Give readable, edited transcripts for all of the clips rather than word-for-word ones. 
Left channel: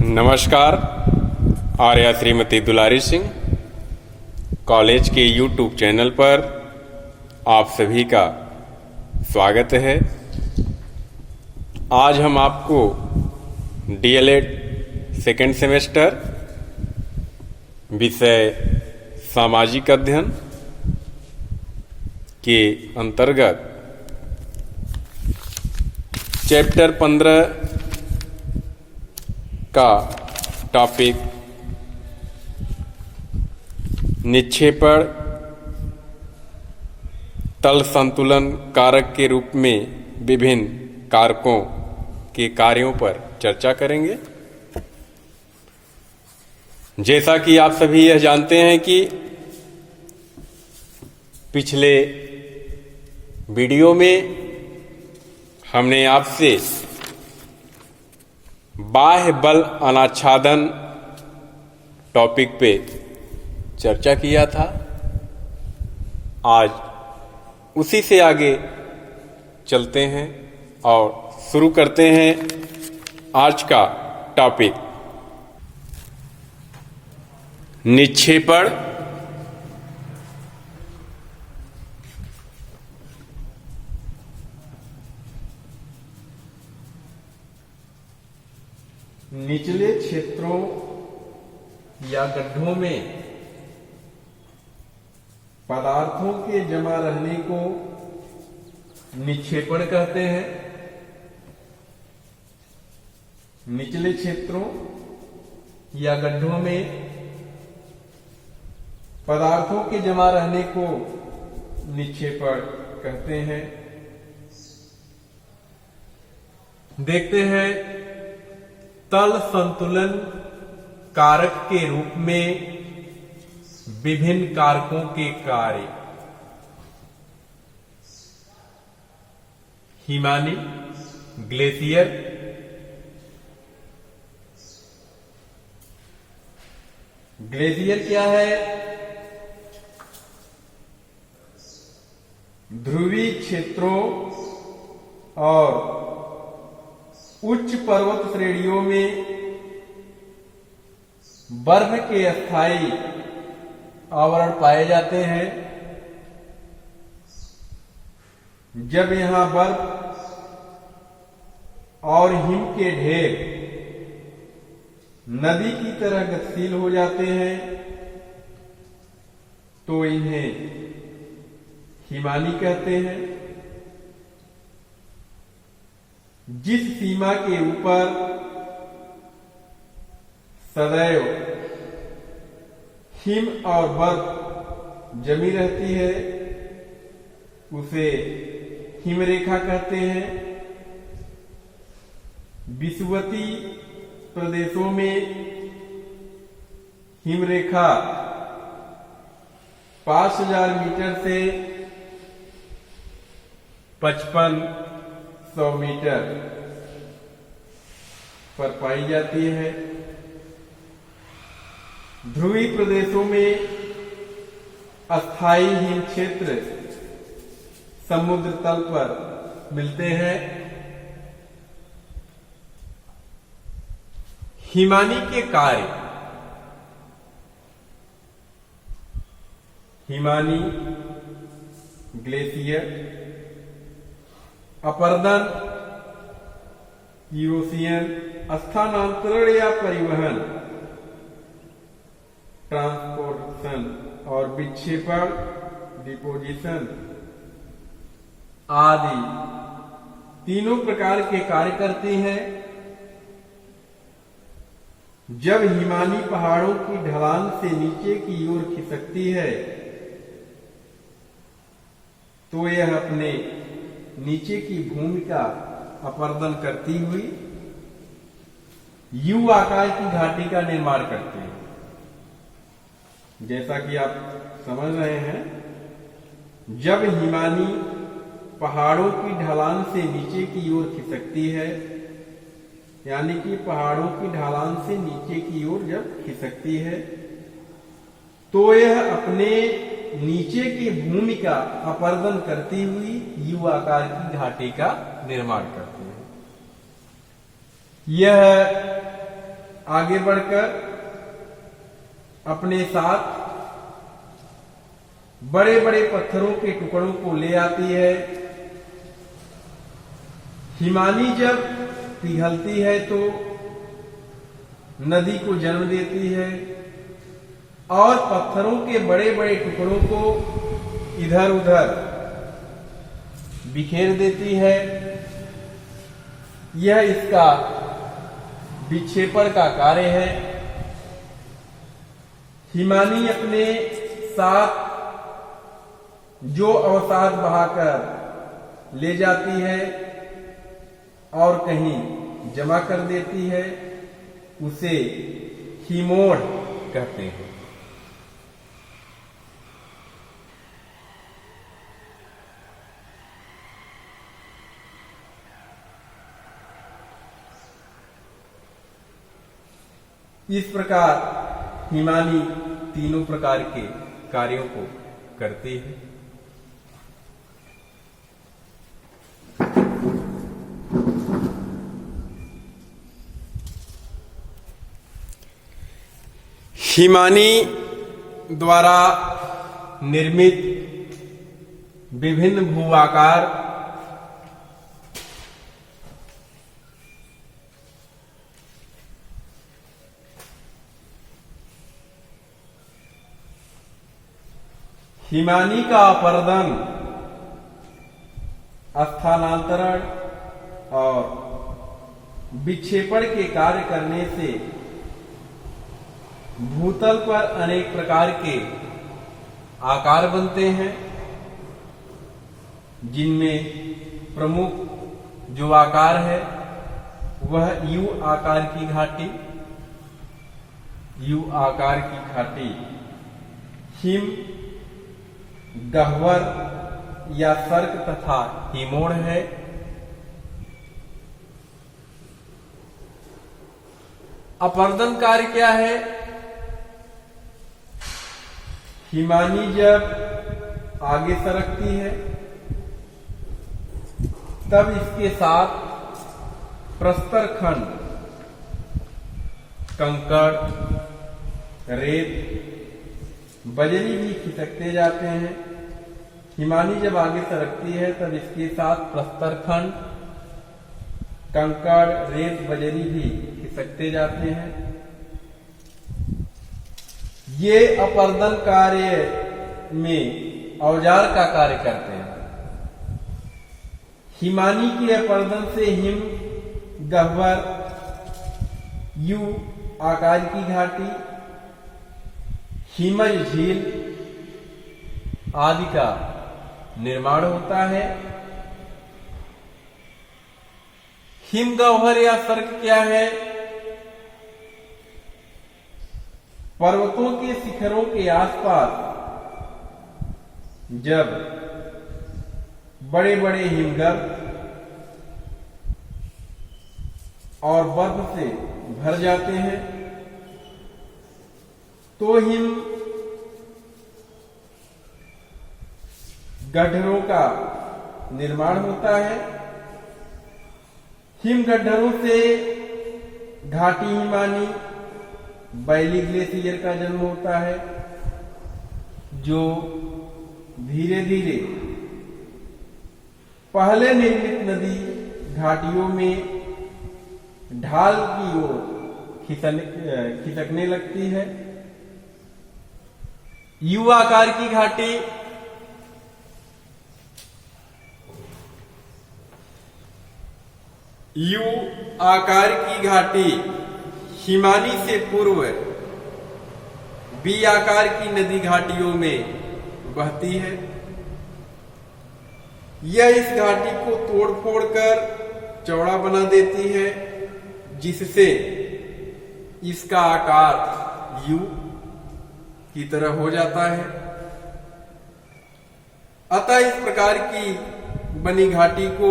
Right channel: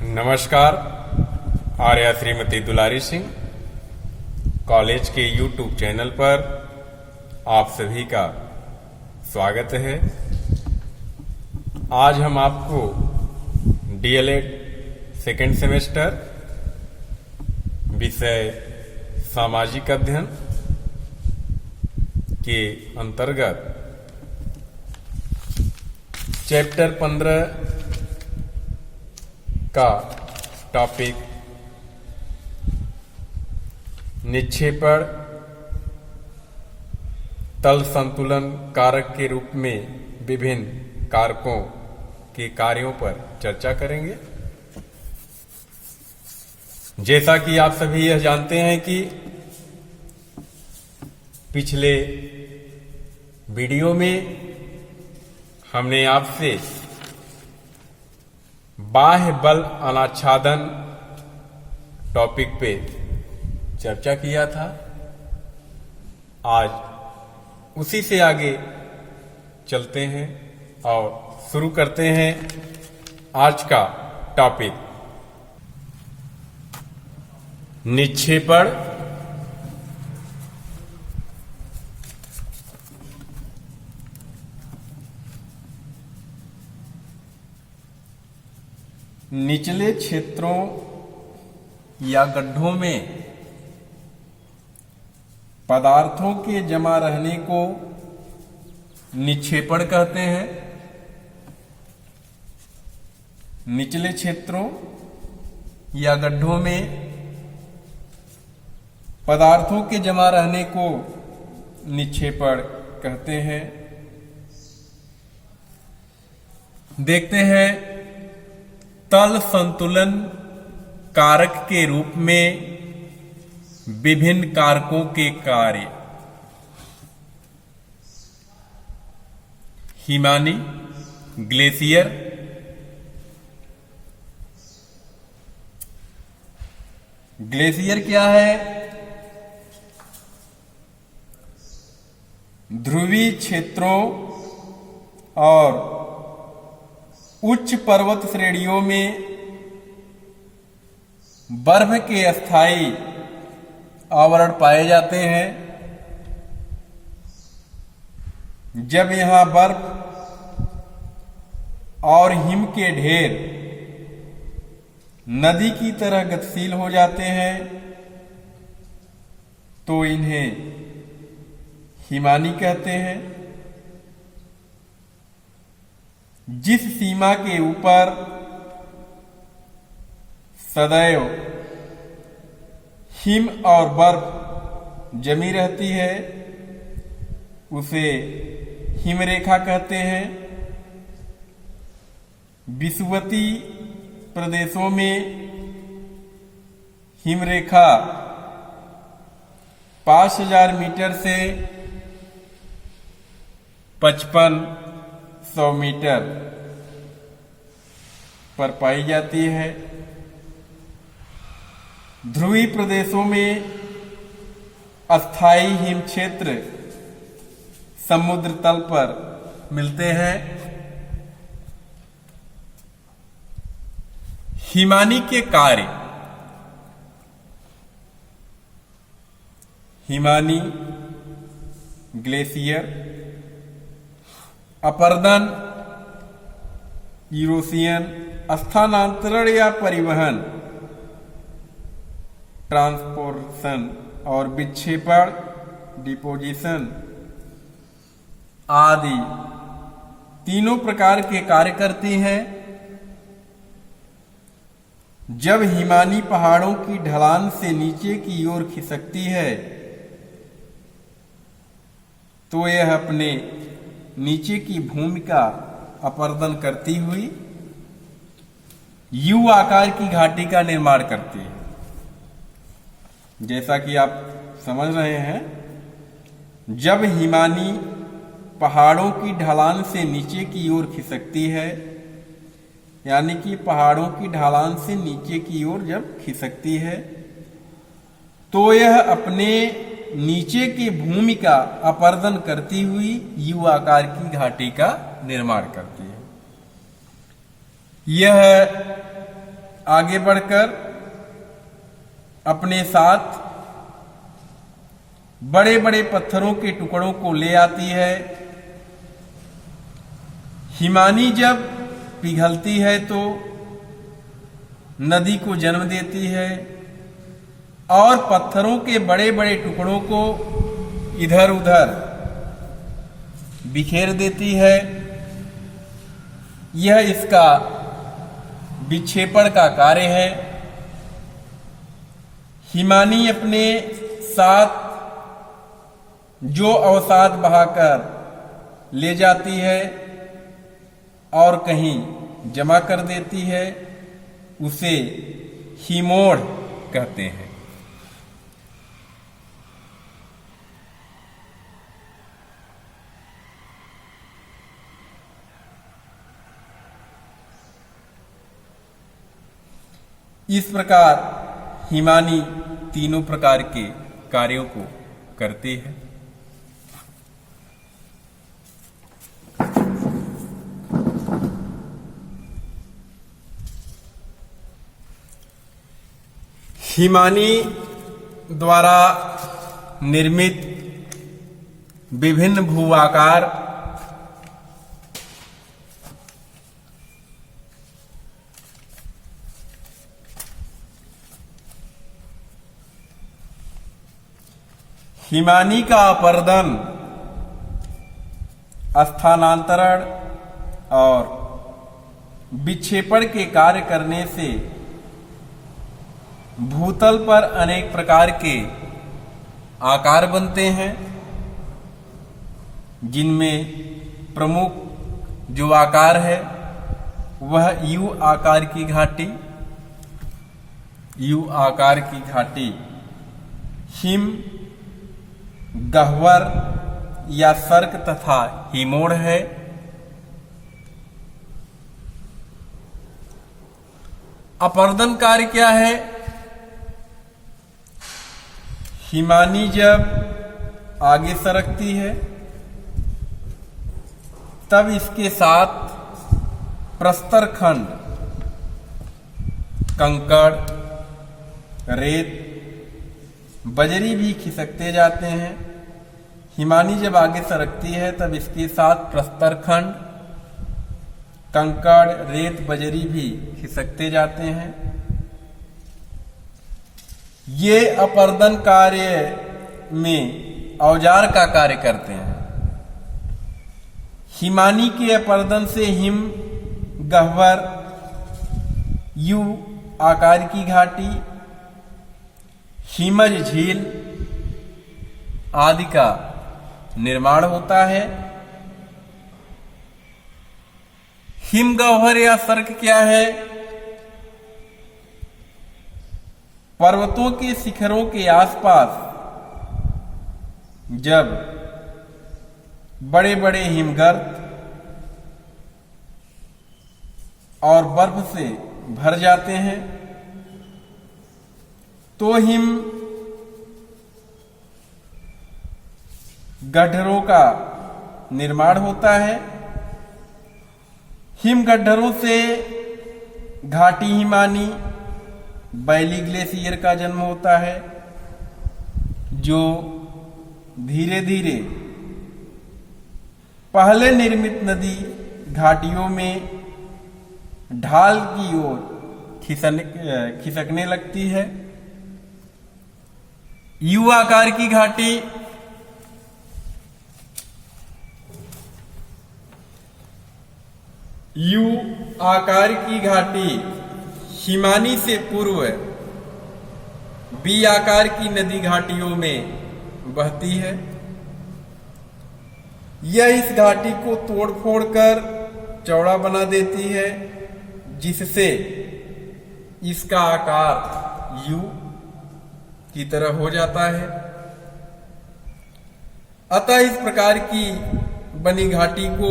नमस्कार। आर्या श्रीमती दुलारी सिंह कॉलेज के YouTube channel पर आप सभी का स्वागत है। आज हम आपको DLED सेकेंड सेमेस्टर विषय सामाजिक अध्ययन के अंतर्गत चैप्टर 15 का टॉपिक निक्षेपण तल संतुलन कारक के रूप में विभिन्न कारकों के कार्यों पर चर्चा करेंगे। जैसा कि आप सभी यह जानते हैं कि पिछले वीडियो में हमने आपसे बाह्य बल अनाच्छादन टॉपिक पे चर्चा किया था। आज उसी से आगे चलते हैं और शुरू करते हैं आज का टॉपिक निक्षेपण निचले क्षेत्रों या गड्ढों में पदार्थों के जमा रहने को निक्षेपण कहते हैं। निचले क्षेत्रों या गड्ढों में पदार्थों के जमा रहने को निक्षेपण कहते हैं। देखते हैं तल संतुलन कारक के रूप में विभिन्न कारकों के कार्य। हिमानी ग्लेशियर ग्लेशियर क्या है? ध्रुवीय क्षेत्रों और उच्च पर्वत श्रेणियों में बर्फ के अस्थायी आवरण पाए जाते हैं। जब यहां बर्फ और हिम के ढेर नदी की तरह गतिशील हो जाते हैं तो इन्हें हिमानी कहते हैं। जिस सीमा के ऊपर सदैव हिम और बर्फ जमी रहती है उसे हिमरेखा कहते हैं। विषुवती प्रदेशों में हिमरेखा 5000 मीटर से 5500 मीटर पर पाई जाती है। ध्रुवीय प्रदेशों में अस्थायी हिम क्षेत्र समुद्र तल पर मिलते हैं। हिमानी के कार्य। हिमानी ग्लेशियर अपरदन, यूरोशियन स्थानांतरण या परिवहन, ट्रांसपोर्टेशन और विक्षेपण, डिपोजिशन आदि तीनों प्रकार के कार्य करती है। जब हिमानी पहाड़ों की ढलान से नीचे की ओर खिसकती है तो यह अपने नीचे की भूमि का अपरदन करती हुई यू आकार की घाटी का निर्माण करती है। जैसा कि आप समझ रहे हैं, जब हिमानी पहाड़ों की ढलान से नीचे की ओर खिसकती है, यानी कि पहाड़ों की ढलान से नीचे की ओर जब खिसकती है तो यह अपने नीचे की भूमि का अपरदन करती हुई यू आकार की घाटी का निर्माण करती है। यह आगे बढ़कर अपने साथ बड़े बड़े पत्थरों के टुकड़ों को ले आती है। हिमानी जब पिघलती है तो नदी को जन्म देती है और पत्थरों के बड़े बड़े टुकड़ों को इधर उधर बिखेर देती है। यह इसका विक्षेपण का कार्य है। हिमानी अपने साथ जो अवसाद बहाकर ले जाती है और कहीं जमा कर देती है, उसे हिमोड़ कहते हैं। इस प्रकार हिमानी तीनों प्रकार के कार्यों को करती है। हिमानी द्वारा निर्मित विभिन्न भू आकार हिमानी का अपर्दन, स्थानांतरण और विक्षेपण के कार्य करने से भूतल पर अनेक प्रकार के आकार बनते हैं, जिनमें प्रमुख जो आकार है वह यू आकार की घाटी। यू आकार की घाटी हिम, गह्वर या सर्क तथा हिमोड़ है। अपर्दन कार्य क्या है? हिमानी जब आगे सरकती है तब इसके साथ प्रस्तर खंड, कंकड़, रेत, बजरी भी खिसकते जाते हैं। हिमानी जब आगे सरकती है तब इसके साथ प्रस्तर खंड, कंकड़, रेत, बजरी भी खिसकते जाते हैं। ये अपर्दन कार्य में औजार का कार्य करते हैं। हिमानी के अपर्दन से हिम, गह्वर, यू आकार की घाटी, हिमज झील आदि का निर्माण होता है। हिमगह्वर या सर्क क्या है? पर्वतों के शिखरों के आसपास जब बड़े बड़े हिमगर्त और बर्फ से भर जाते हैं तो हिम गड्ढरों का निर्माण होता है। हिम गड्ढरों से घाटी हिमानी, बैली ग्लेशियर का जन्म होता है, जो धीरे धीरे पहले निर्मित नदी घाटियों में ढाल की ओर खिसकने लगती है। यू आकार की घाटी यू आकार की घाटी हिमानी से पूर्व बी आकार की नदी घाटियों में बहती है। यह इस घाटी को तोड़ फोड़ कर चौड़ा बना देती है, जिससे इसका आकार यू की तरह हो जाता है। अतः इस प्रकार की बनी घाटी को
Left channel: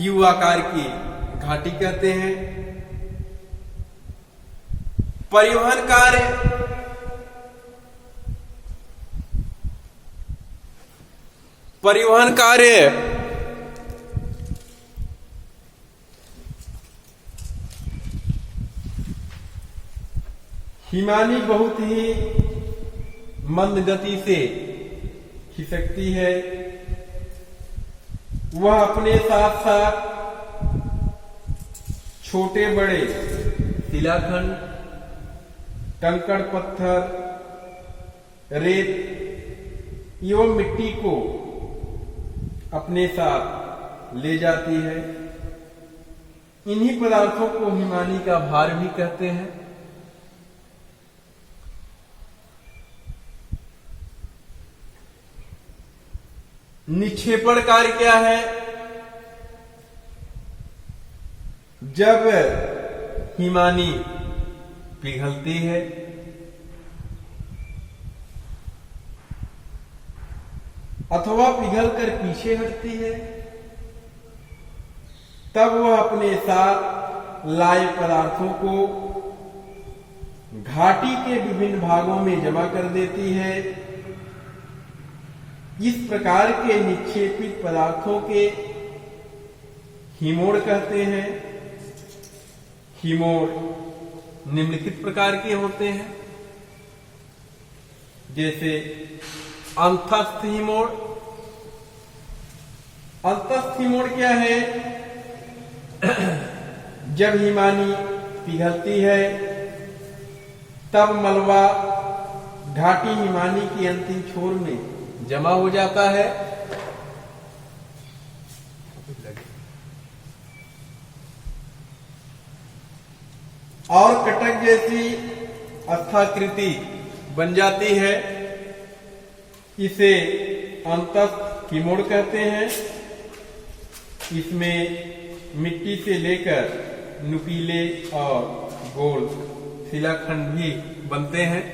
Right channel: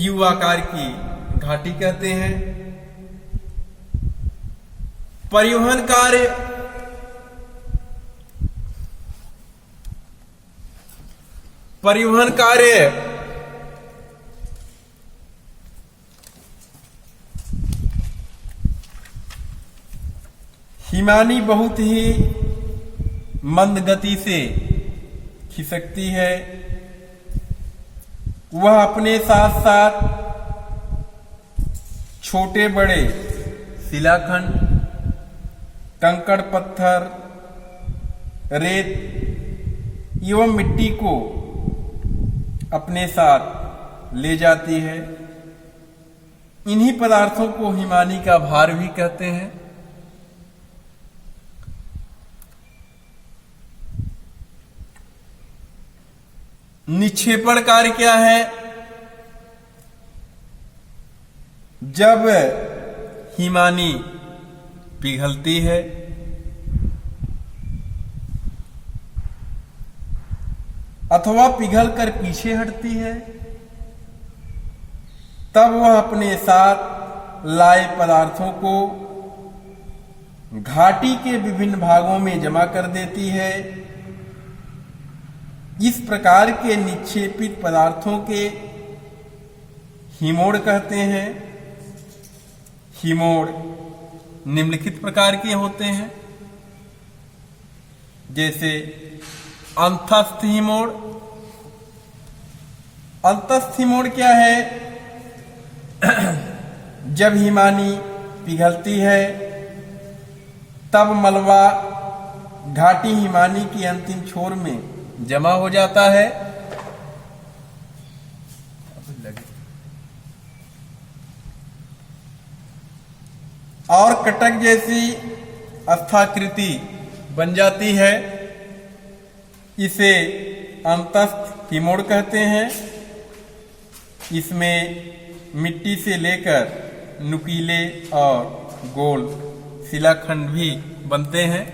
यू आकार की घाटी कहते हैं। परिवहन कार्य हिमानी बहुत ही मंद गति से खिसकती है। वह अपने साथ साथ छोटे बड़े शिलाखंड, कंकड़ पत्थर, रेत एवं मिट्टी को अपने साथ ले जाती है। इन्हीं पदार्थों को हिमानी का भार भी कहते हैं। निक्षेपण कार्य क्या है? जब हिमानी पिघलती है अथवा पिघलकर पीछे हटती है, तब वह अपने साथ लाए पदार्थों को घाटी के विभिन्न भागों में जमा कर देती है। इस प्रकार के निक्षेपित पदार्थों के हिमोड़ कहते हैं। हिमोड़ निम्नलिखित प्रकार के होते हैं, जैसे अंतस्थ हिमोड़। अंतस्थ हिमोड़ क्या है? जब हिमानी पिघलती है तब मलबा घाटी हिमानी की अंतिम छोर में जमा हो जाता है। और कटक जैसी स्थाकृति बन जाती है। इसे अंतस्थ हिमोड़ कहते हैं। इसमें मिट्टी से लेकर नुकीले और गोल शिलाखंड भी बनते हैं।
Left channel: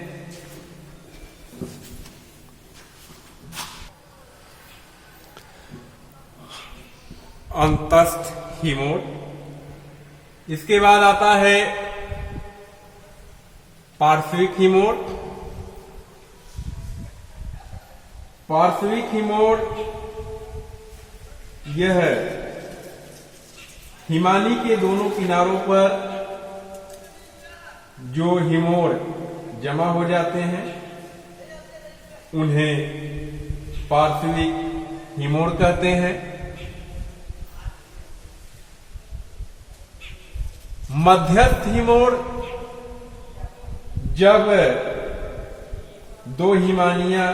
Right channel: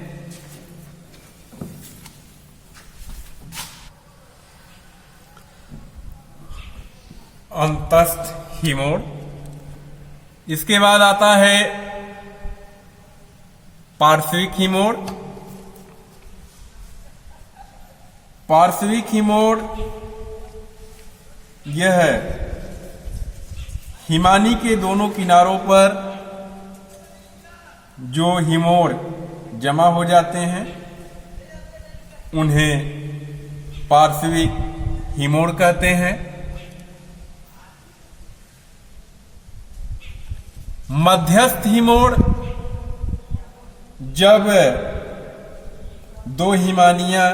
अंतस्थ हिमोड़। इसके बाद आता है पार्श्विक हिमोड़। पार्श्विक हिमोड़ यह हिमानी के दोनों किनारों पर जो हिमोड़ जमा हो जाते हैं उन्हें पार्श्विक हिमोड़ कहते हैं। मध्यस्थ हिमोड़, जब दो हिमानियां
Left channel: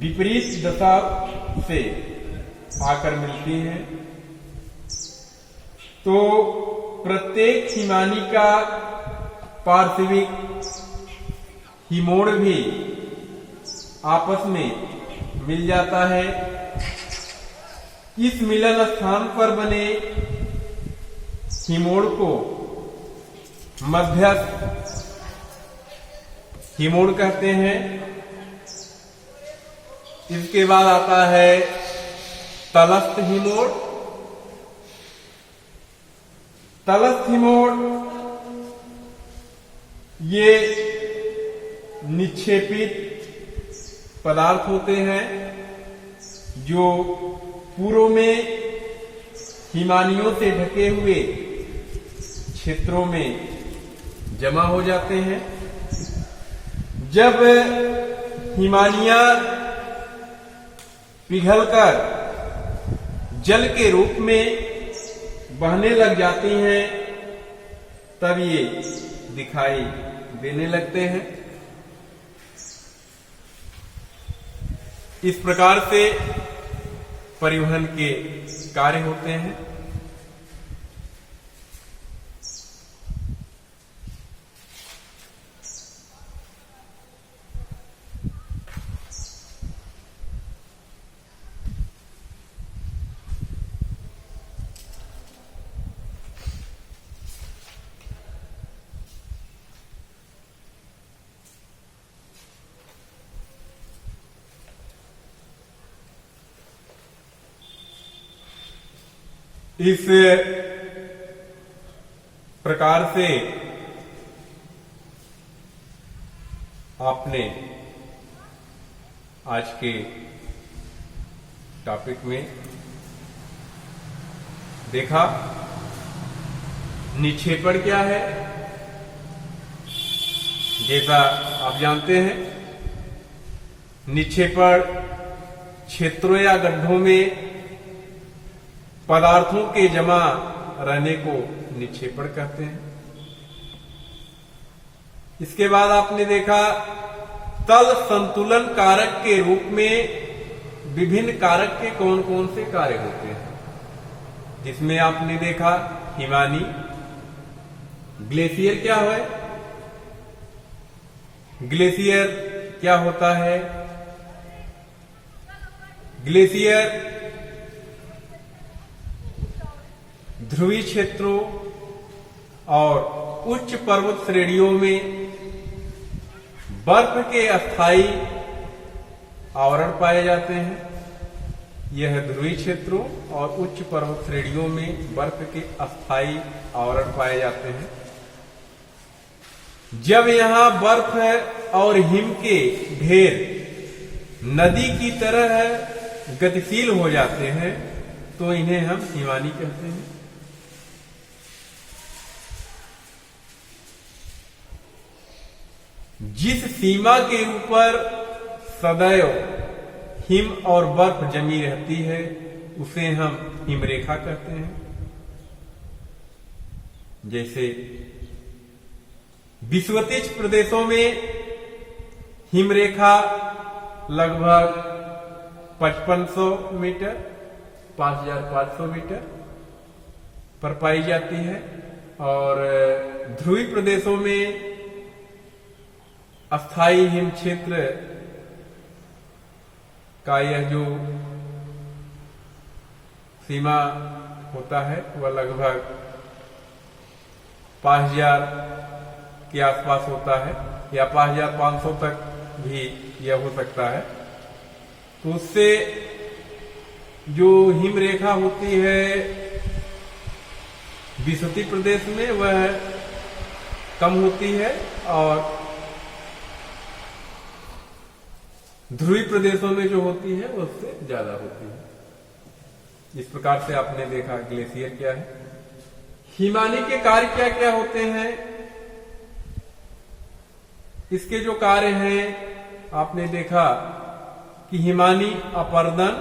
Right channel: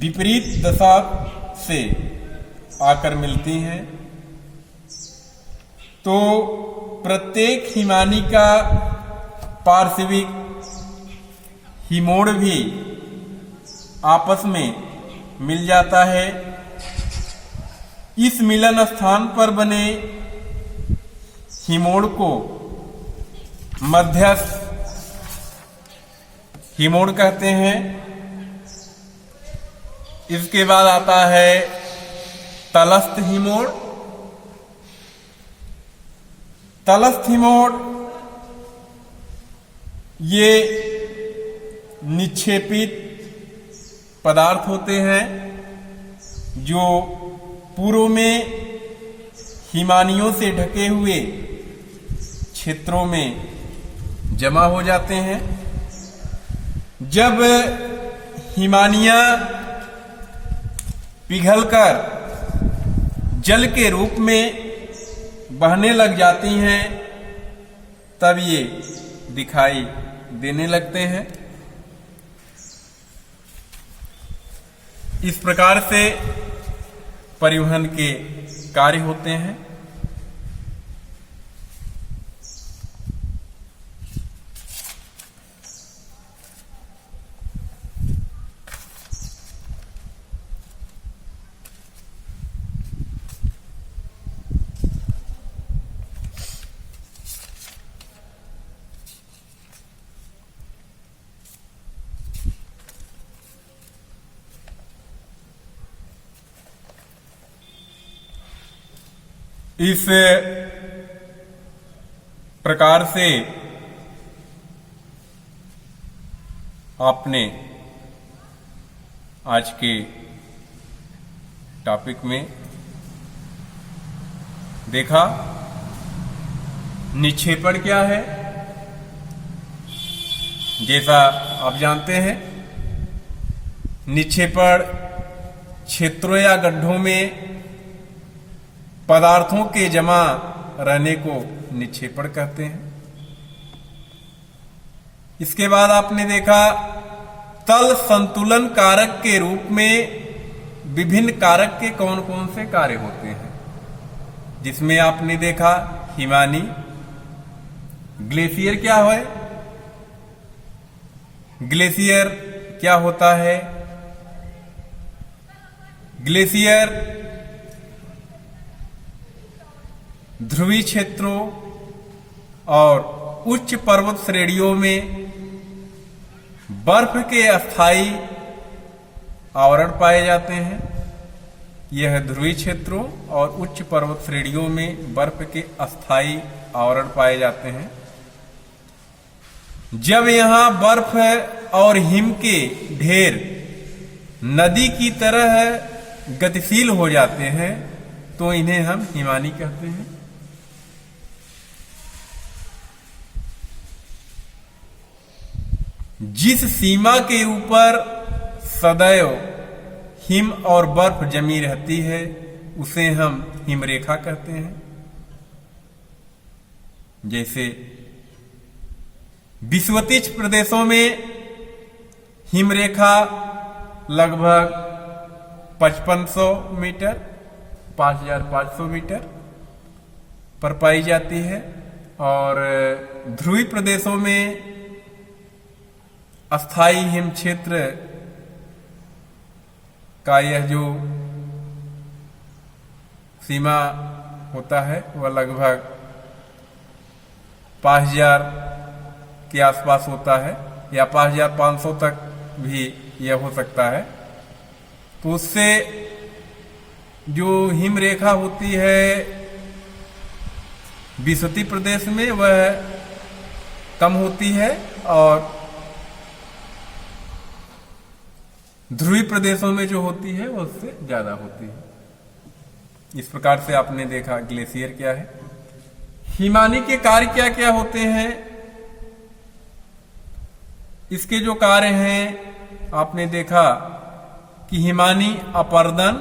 विपरीत दशा से आकर मिलती हैं तो प्रत्येक हिमानी का पार्श्विक हिमोड़ भी आपस में मिल जाता है। इस मिलन स्थान पर बने हिमोड़ को मध्यस्थ हिमोड़ कहते हैं। इसके बाद आता है तलस्थ हिमोड़। तलस्थ हिमोड़ ये निक्षेपित पदार्थ होते हैं जो पूर्व में हिमानियों से ढके हुए क्षेत्रों में जमा हो जाते हैं। जब हिमानियां पिघलकर जल के रूप में बहने लग जाती हैं तब ये दिखाई देने लगते हैं। इस प्रकार से परिवहन के कार्य होते हैं। इस प्रकार से आपने आज के टॉपिक में देखा निक्षेपण क्या है, जैसा आप जानते हैं, निक्षेपण क्षेत्रों या गड्ढों में पदार्थों के जमा रहने को निक्षेपण कहते हैं। इसके बाद आपने देखा तल संतुलन कारक के रूप में विभिन्न कारक के कौन कौन से कार्य होते हैं, जिसमें आपने देखा हिमानी। ग्लेशियर क्या है? ग्लेशियर क्या होता है? ग्लेशियर ध्रुवीय क्षेत्रों और उच्च पर्वत श्रेणियों में बर्फ के अस्थायी आवरण पाए जाते हैं। यह ध्रुवीय क्षेत्रों और उच्च पर्वत श्रेणियों में बर्फ के अस्थायी आवरण पाए जाते हैं। जब यहां बर्फ और हिम के ढेर नदी की तरह गतिशील हो जाते हैं तो इन्हें हम हिमानी कहते हैं। जिस सीमा के ऊपर सदैव हिम और बर्फ जमी रहती है उसे हम हिमरेखा कहते हैं। जैसे विषुवतीय प्रदेशों में हिमरेखा लगभग 5500 मीटर 5500 मीटर पर पाई जाती है, और ध्रुवीय प्रदेशों में अस्थाई हिम क्षेत्र का यह जो सीमा होता है वह लगभग 5000 के आसपास होता है, या 5500 तक भी यह हो सकता है। तो उससे जो हिम रेखा होती है विषुवतीय प्रदेश में वह कम होती है, और ध्रुवीय प्रदेशों में जो होती है वो उससे ज्यादा होती है। इस प्रकार से आपने देखा ग्लेशियर क्या है। हिमानी के कार्य क्या क्या होते हैं? इसके जो कार्य हैं आपने देखा कि हिमानी अपर्दन,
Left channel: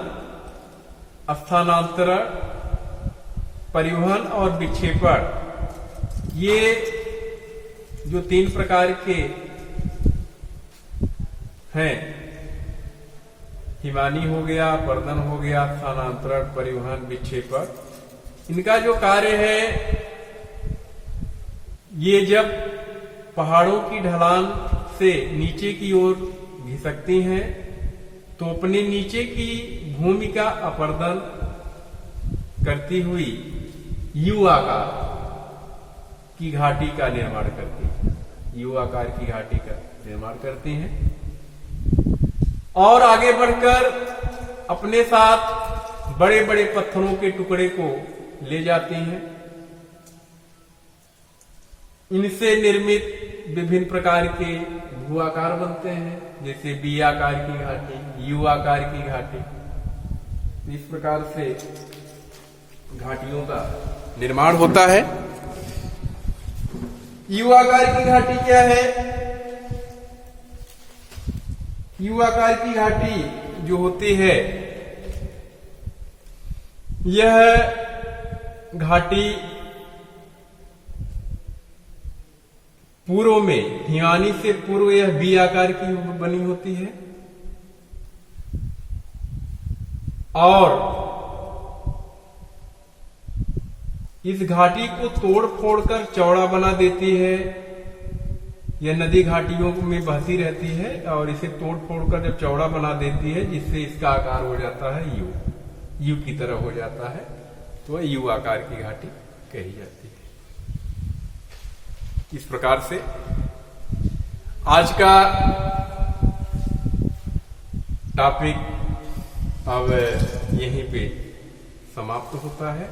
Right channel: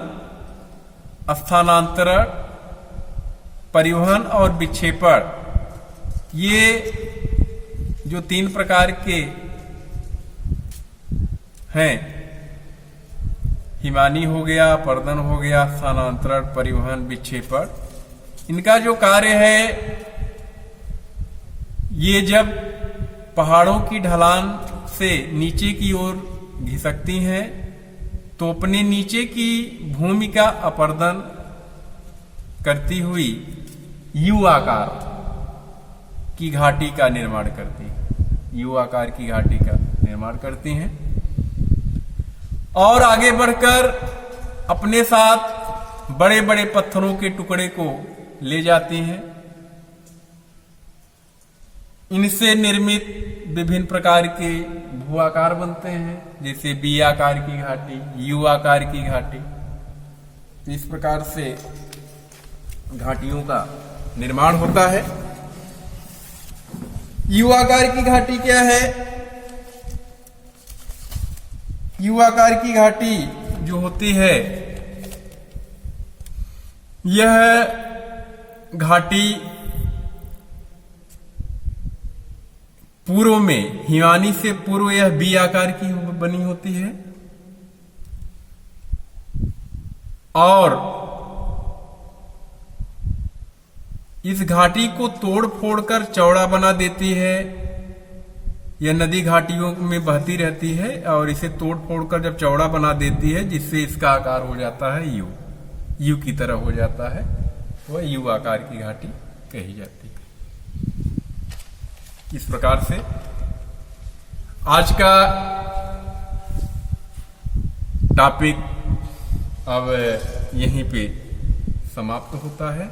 स्थानांतरण, परिवहन और विक्षेपण, ये जो 3 प्रकार के हैं, हिमानी हो गया, अपर्दन हो गया, स्थानांतरण, परिवहन, विक्षेपण, इनका जो कार्य है ये जब पहाड़ों की ढलान से नीचे की ओर घिसकती हैं तो अपने नीचे की भूमि का अपर्दन करती हुई यू आकार की घाटी का निर्माण करती है। यू आकार की घाटी का निर्माण करती हैं और आगे बढ़कर अपने साथ बड़े बड़े पत्थरों के टुकड़े को ले जाती हैं। इनसे निर्मित विभिन्न प्रकार के भू आकार बनते हैं, जैसे बी आकार की घाटी, यू आकार की घाटी। तो इस प्रकार से घाटियों का निर्माण होता है। यू आकार की घाटी क्या है? यू आकार की घाटी जो होती है यह घाटी पूर्व में, हिमानी से पूर्व यह बी आकार की बनी होती है और इस घाटी को तोड़ फोड़ कर चौड़ा बना देती है। यह नदी घाटियों में बहती रहती है और इसे तोड़ फोड़ कर जब चौड़ा बना देती है जिससे इसका आकार हो जाता है यू की तरह हो जाता है, तो यू आकार की घाटी कही जाती है। इस प्रकार से आज का टॉपिक अब यहीं पे समाप्त होता है।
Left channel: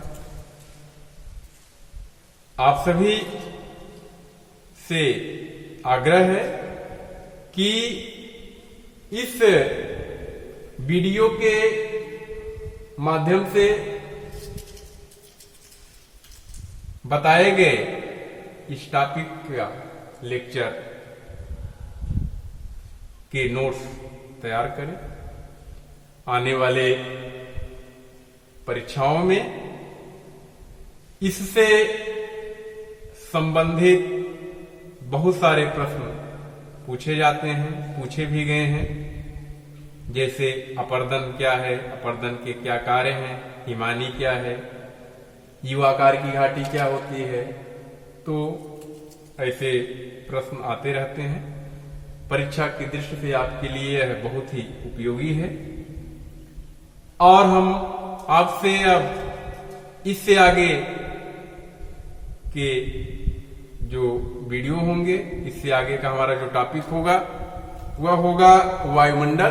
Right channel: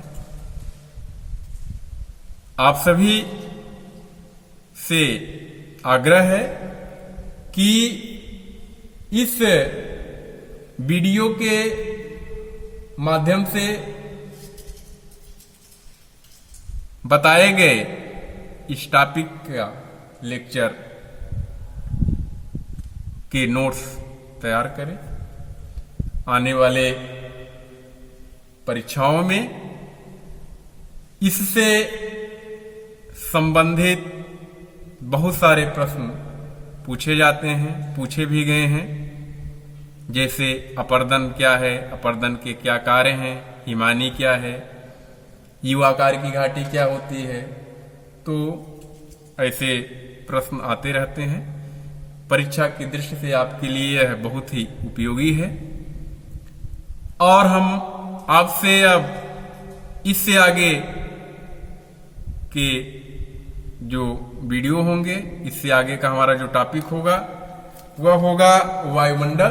आप सभी से आग्रह है कि इस वीडियो के माध्यम से बताए गए इस टॉपिक का लेक्चर के नोट्स तैयार करें। आने वाले परीक्षाओं में इससे संबंधित बहुत सारे प्रश्न पूछे जाते हैं, पूछे भी गए हैं। जैसे अपर्दन क्या है, अपर्दन के क्या कार्य हैं, हिमानी क्या है, युवाकार की घाटी क्या होती है। तो ऐसे प्रश्न आते रहते हैं। परीक्षा की दृष्टि से आपके लिए यह बहुत ही उपयोगी है। और हम आपसे अब इससे आगे के जो वीडियो होंगे, इससे आगे का हमारा जो टॉपिक होगा वह होगा वायुमंडल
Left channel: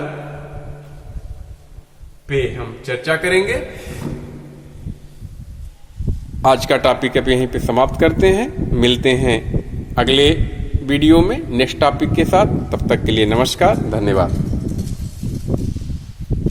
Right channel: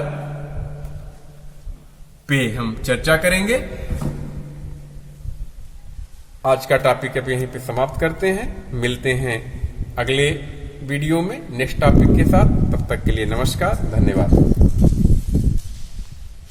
पे हम चर्चा करेंगे। आज का टॉपिक अब यहीं पे समाप्त करते हैं। मिलते हैं अगले वीडियो में नेक्स्ट टॉपिक के साथ। तब तक के लिए नमस्कार, धन्यवाद।